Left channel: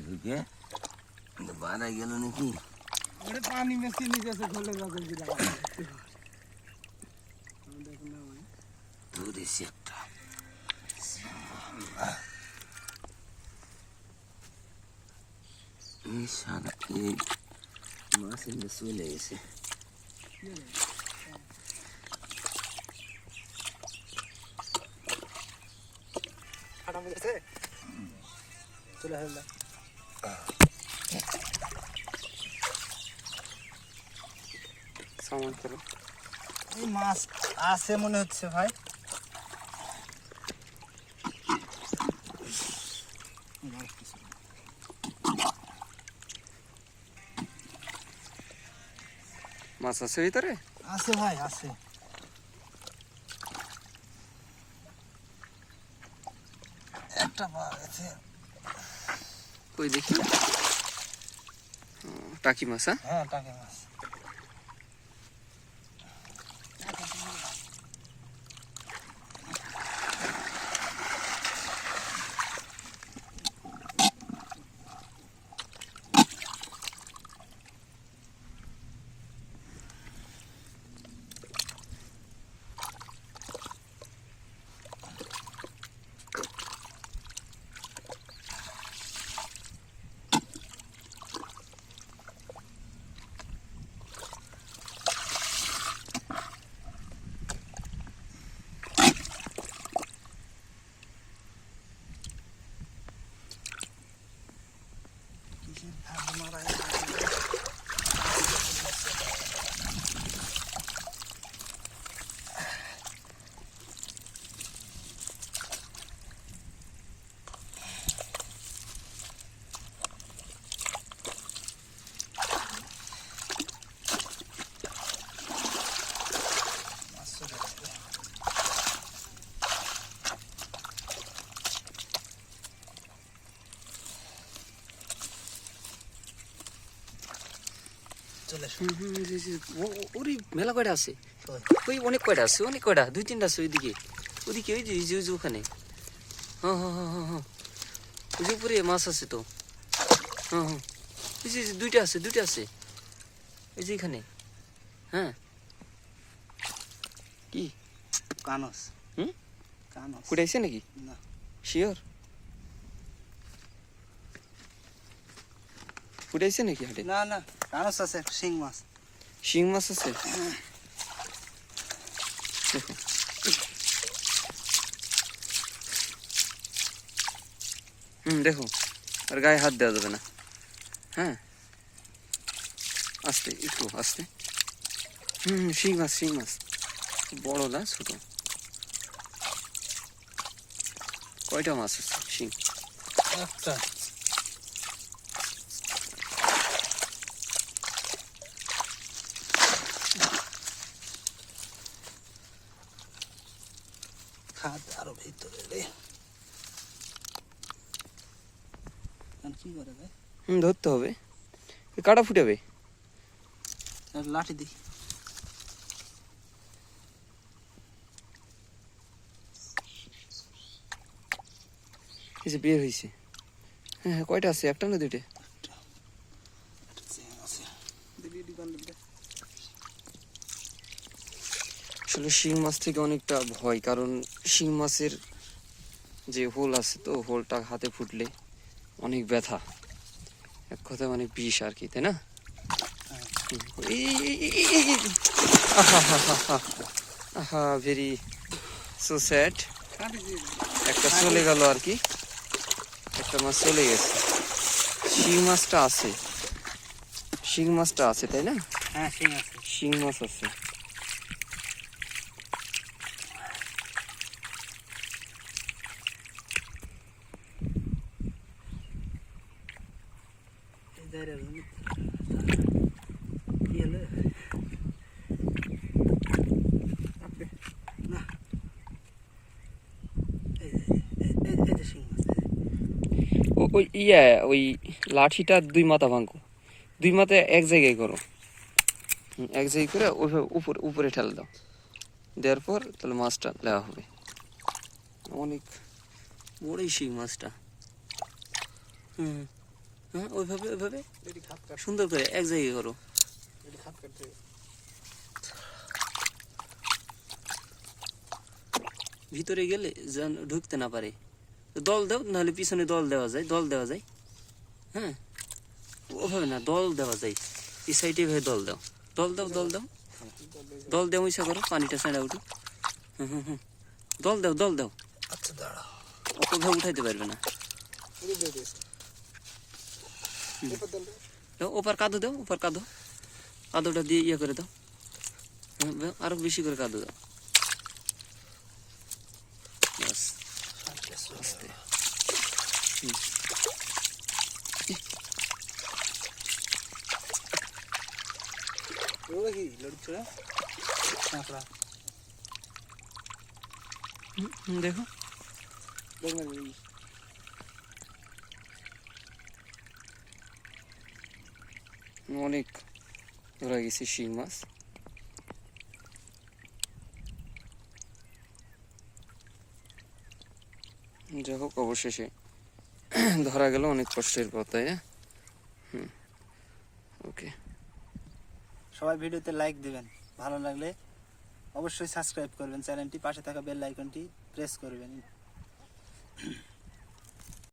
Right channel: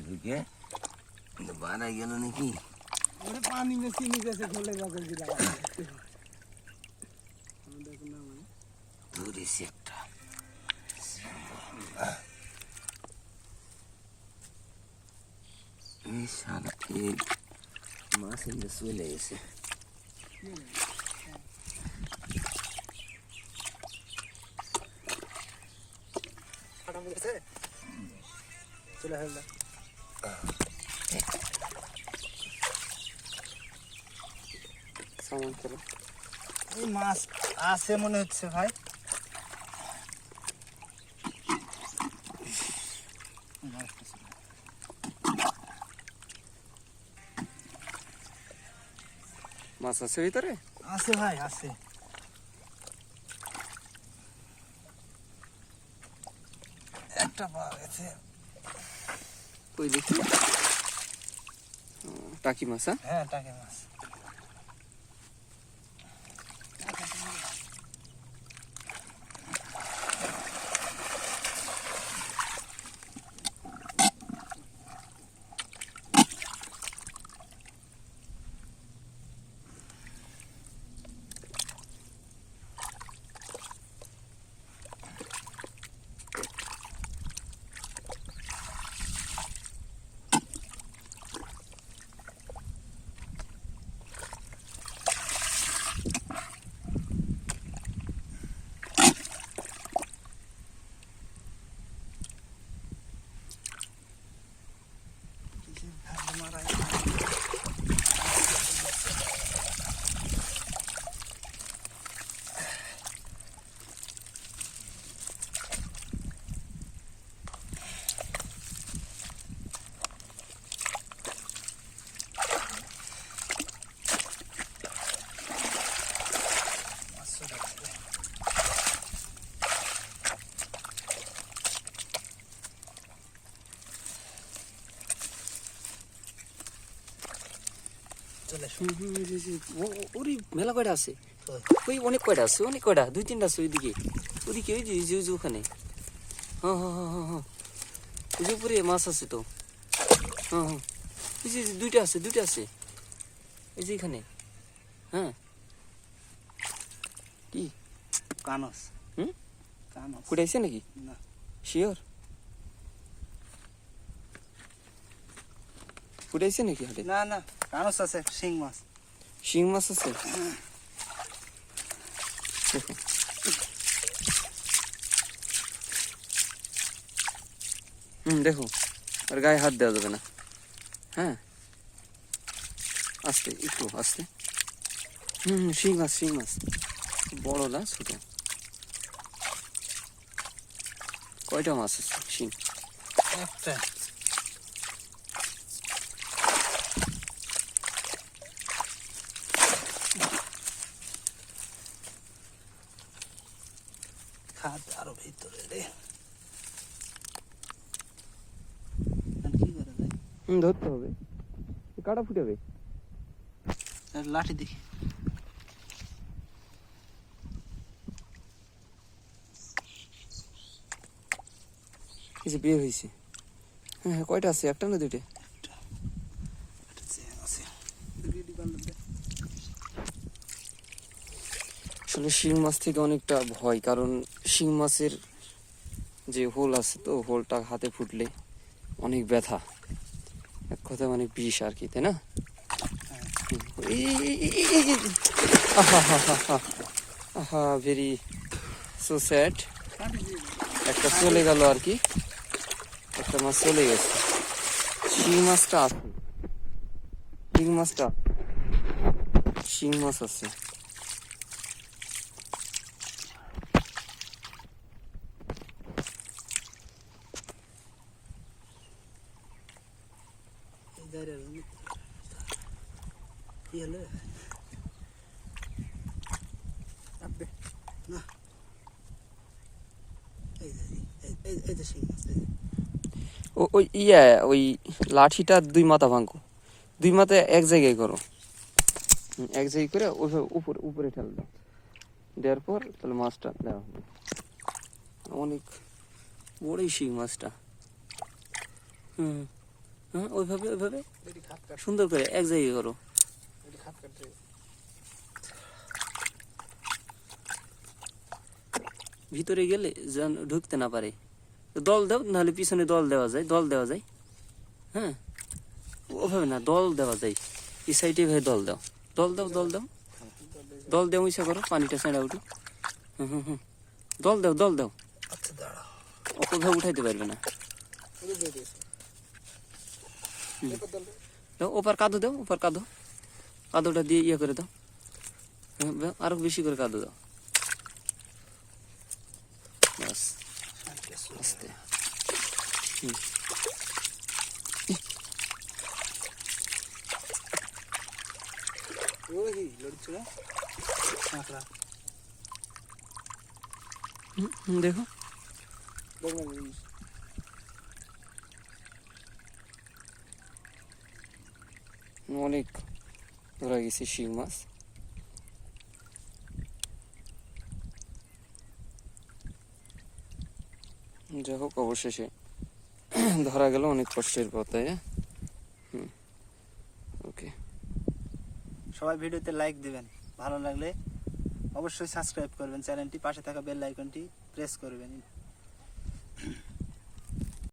करके दोबारा गेलो नहीं की। अरे पानी में सीने जैसे खोलेगा कर गिरा देखना पूरी सेक्टर ये शाम ये मासे में सीले इसे। खड़ा मुझे से चला সামান করো এই মাছ আছে মনে হচ্ছে ভাই। মাছ আছে ভিতরে? আছে ভাই আছে। একটা পাওয়া গেছে কই দেখি। টাকি মাছ হ্যাঁ? টাকি মাছ চলে হুম, হুম, জি, জি। ও- ও- ওরে মেলা কয়টা আছে? কই? ওই অনেক কয়টা আছে? অনেক কয়টা? দুই তিনটা আছে ওইদিকে। ওইদিকে ওই যে ওই যে ওই যে ওখানে। হ্যাঁ হ্যাঁ হ্যাঁ হ্যাঁ হ্যাঁ। ওই যে উপরে মাছ আছে তো। হ্যাঁ হ্যাঁ। ওই যে যে দুইটা আছে দুইটা আছে। এই যে এখানে। হ্যাঁ। কি? কানস। হুম? কানস। ফুটাইছে নাকি? না। শিওর? ফুটাইছে নাকি হাটে? না না। কানস আছে শিং মাছ শিং মাছ আছে দেখো হুম দেখো আর গায়ে হাত দেওয়া যাবে না। হ্যাঁ? আস্তে একটু আস্তে। হুম হুম, শিং মাছ শিং মাছ। বড় না ছোট। কয়টা মাছ আছে? শিং। একটা খাদ আরও ভিতরে রে। কি করে ভাই হুম ধরতে হবে। কাটা ফুটাবে। আর লাঠি দেখি। এই যে বের হয়েছে হ্যাঁ হ্যাঁ কয়টা আছে? একটা না দুইটা একটা চেন আছে আসলে শিং মাছ থেকে অনেকটা ভয় কারণ শিং মাছের যে হোল আছে তো হোলটা হাতে ফুটলে অনেক ব্যথা। এক কথা মানে বিষ আর কি তাই না? আহা ভেরি সো স্যাড একটা চলে গেল আর কি। একটা মাছ চলে গেছে। শিং মাছটা আছে। শিং মাছটা আছে তাই না? হ্যাঁ শিং মাছ আছে এই দাঁড়িয়ে রইল। কি হলো? আপনি না এই এই- এই এই যে শিং মাছ এই যে। ও- ওই ইয়া, ওই লাঠিটা দুই মাথা ভাঙো। দুই মাথা এক জায়গায় করো। এক জায়গায় করে উপরে উপরে ঠেলে দাও। দেওয়ার পর তাহলে মাছটা দেওয়া হবে। অনেক বড়ই শিং মাছটা। হুম। হ্যাঁ ওইভাবে ওইভাবে? সুন্দর করে এক জায়গায় করো। ভিতরে গেলে যেন ঢুকতে না পারে। দল দাও নাহলে পিছনে দল দেওয়া যায় দল দেওয়া যায়। হ্যাঁ? ওভাবে না দল দেওয়া যায়। এই সাইডে ভাবে দল দাও। দল দাও দল দাও। দল দেও ইচ্ছা করো পানিটা সেটা উঠি হুম হুম হুম। দল দাও দল দাও। আচ্ছা দাঁড়া ওভাবে উঠাইতে পারবে না। দাও ওপার কাদো দাও ওপার কাদো কাদোটা দিয়ে ইয়ে করে দাও হ্যাঁ, দাও, আরও বেশি করে কাদো দাও বাস আস্তে হুম। ওই কি লড়ছে না কাঁকড়া হুম, হুম, দেখো দেখবেন এই অনেক ধরা গেছে শিং মাছ যাই হোক অবশেষে ধরা গেল অনেক কষ্টের পর তাই হুম ওকে সবাই ভিডিওতে লাইক দিবেন। ভালো লাগলে অবশ্যই সাবস্ক্রাইব করবেন। চ্যানেলটি পাশে থাকা বেল আইকনটি প্রেস করবেন।